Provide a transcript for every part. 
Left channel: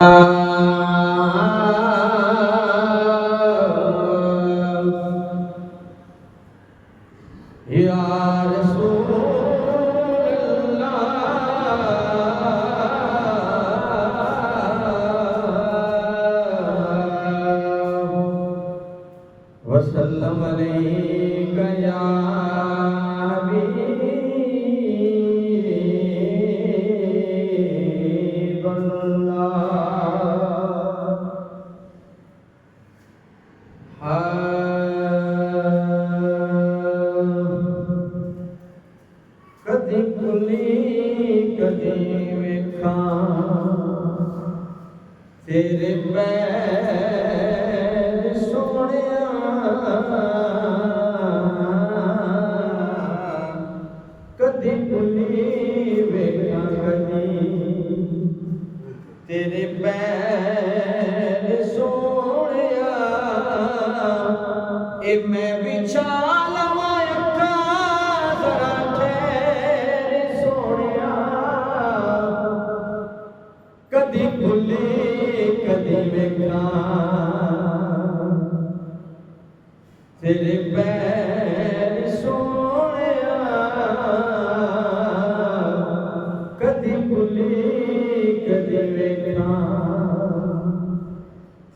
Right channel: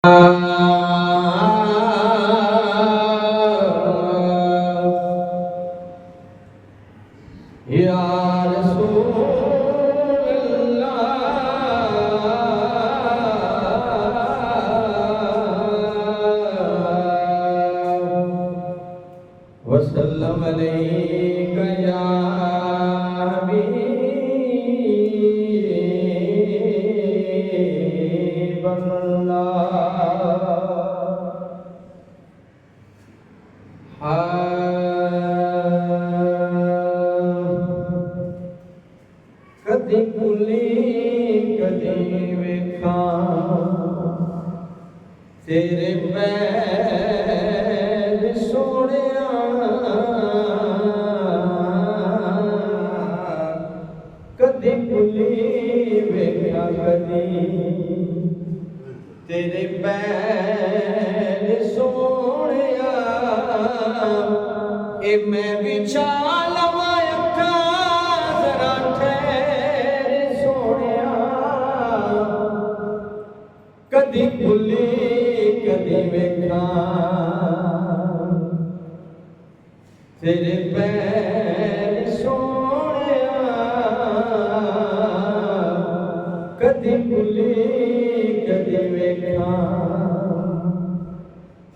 या रसूल अल्लाह वसल्लम अलैका या हबीब कदी कुली कदी वेखां तेरे पैर सोहणिया कदी कुली वेखां कदी तेरे पैर सोहणिया ए मैं विछा लवां अखां जरा ठहर सोहणिया कदी खुली कदी वेखां तेरे पैर सोहणिया कदी खुली कदी वेखां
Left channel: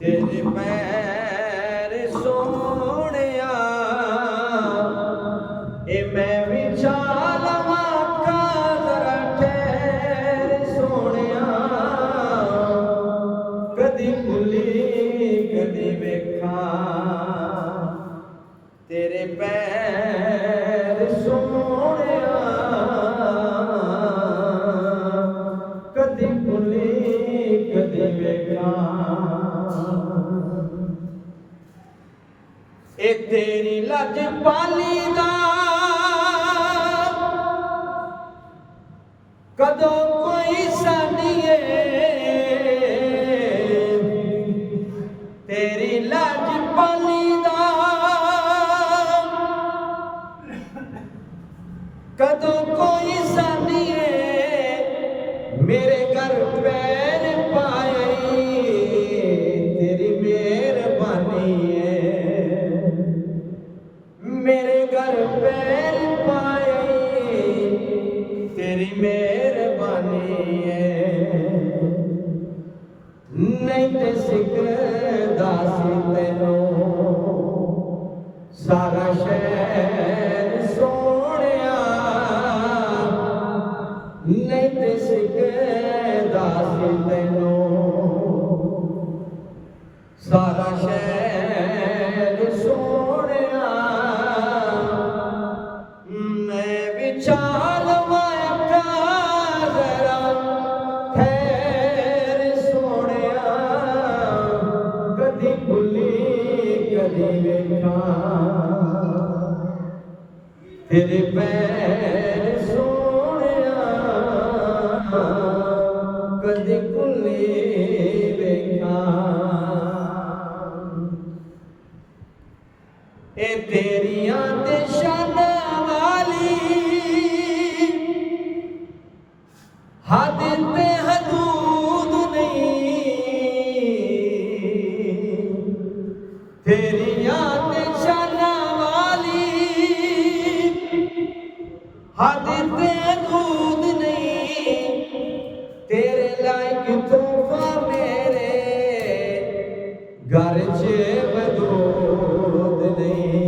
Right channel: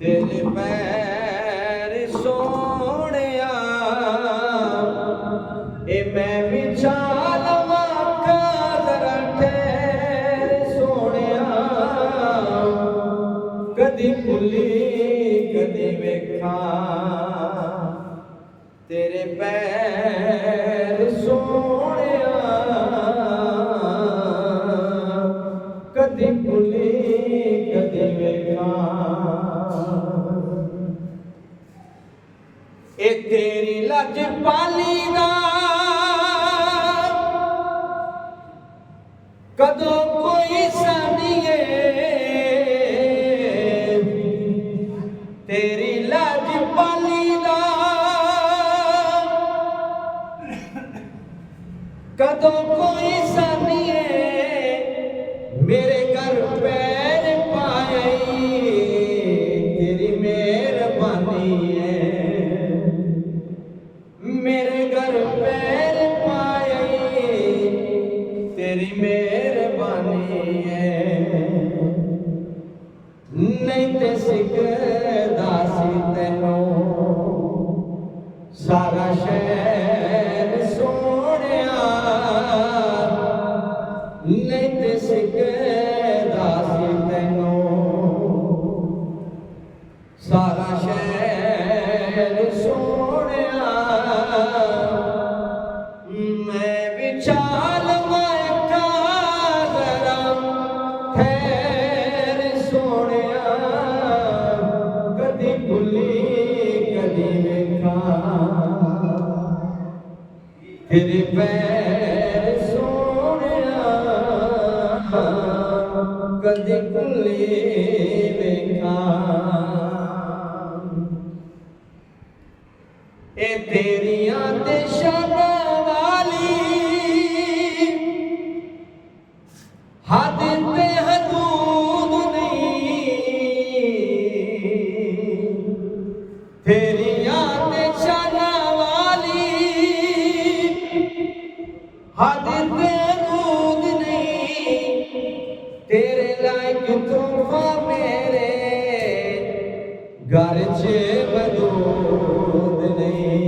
तेरे पैर सोहणिया ए मैं विछा लवां अखां जरा ठहर सोहणिया कदी खुली कदी वेखां तेरे पैर सोहणिया कदी खुली कदी वेखां ए तेरी लजपाली दा कदों कोई सानिए तेरी लजपाली दा कदों कोई सानिए मेरे घर पैर पाए तेरी मेहरबानी है मेरे घर पैर पाए तेरी मेहरबानी है नहीं ते सिकदा सी तैनूं सारा शहर सोहणिया नहीं ते सिकदा सी तैनूं सारा शहर सोहणिया मैं विछा लवां अखां जरा ठहर सोहणिया कदी खुली कदी वेखां तेरे पैर सोहणिया कदी खुली वेखां ए तेरियां ते शानां वाली हद ते हदूद नहीं तेरियां ते शानां वाली हद ते हदूद नहीं तेरे लायक तोहफा मेरे घर च वजूद नहीं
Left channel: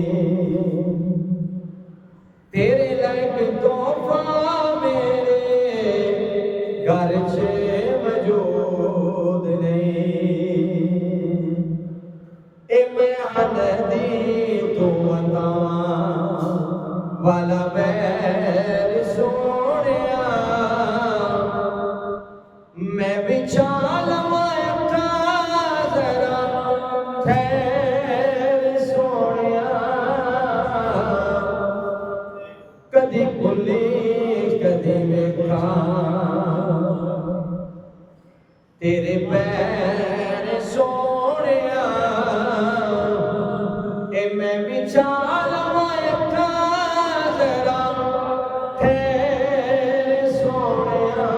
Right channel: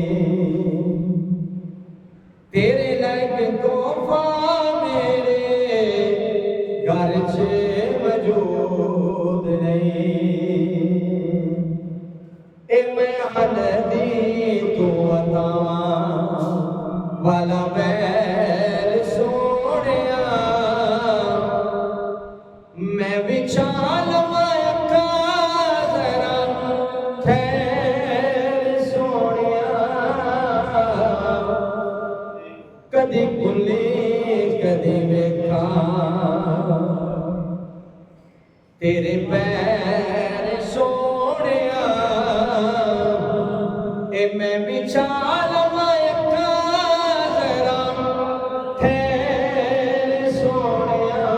तेरे लायक तोहफा मेरे घर च वजूद नहीं ए मैं हनदी तू अतावां वाला मैल सोहणिया मैं विछा लवां अखां जरा ठहर सोहणिया कदी खुली कदी वेखां तेरे पैर सोहणिया ए मैं विछा लवां अखां जरा ठहर सोहणिया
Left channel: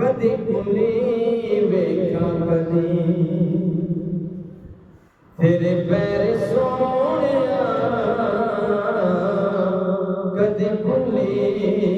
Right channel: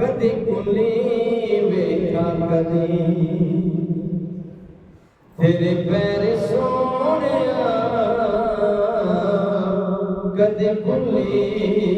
कदी खुली ਕਦੀ ਤੇਰੇ ਪੈਰ ਸੋਹਣਿਆ ਕਦੇ ਭੁੱਲੀ